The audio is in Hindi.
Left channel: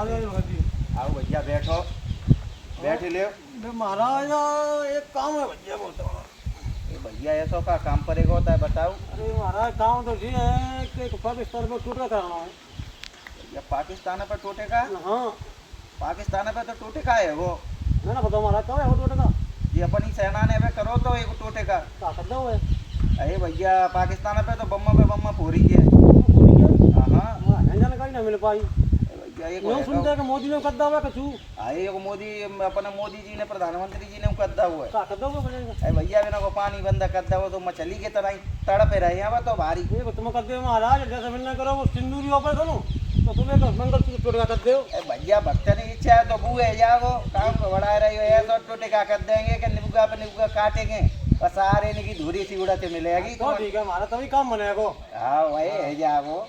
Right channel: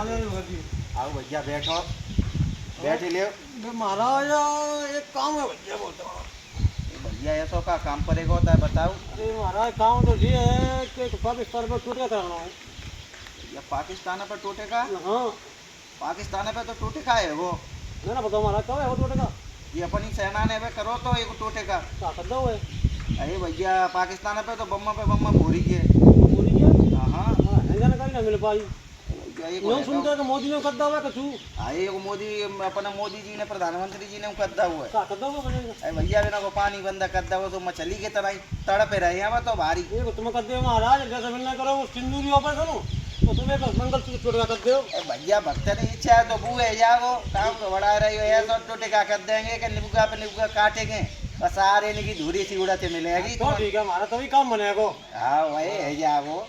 आओ भैया बैठो, बैठ ले। महाराज एक काम है भैया बोलता हूँ। भैया ऐसा का काम पड़ेगा होता है बताओ। अरे महाराज काम तो ये है कि पाकिस्तान पर टूटा कराना है। ये पाकिस्तान पे टूटेगा? हाँ पाकिस्तान पे तो टूटेगा है वो। मैं ना बताओ महाराज कब है वो टूटेगा? ये अपनी सेना ने वे करो तो एक टूटेगा। क्या कर दो है? अरे भैया पाकिस्तान पे तो बम्मा पूरी है। पूरी क्या? हाँ हाँ जानकारी ना मिल पाई। भैया एक यूँ सुनते कि मोदी ने कर दो है कछु। अरे एक मोदी अपना मोदी जी ने प्रधानमंत्री जी ने कर हुआ है। क्या कर दो बनेगा? अरे भैया बिना को पानी बंद कर दो तो मछली के तरह ही तड़पे रहे हैं तो भारी। ये को तुम कर दो महाराज जैसे मिलना करो वो सिंदूरी ऊपर करो तो तुम्हें तो मंगलसूत्र टूटेगा कर दो। अरे भैया भक्त ने इच्छा है तो बूहे जाओ काम तो बढ़ा रही हो ऐसा टूटेगा कर देंगे कि निबुका पे निबुका काटेंगे और सारे इनकी धूरी सी उड़ाते मिलेगी। तो ठीक है हमारा तभी काम बनेगा। हाँ वही है जाओ।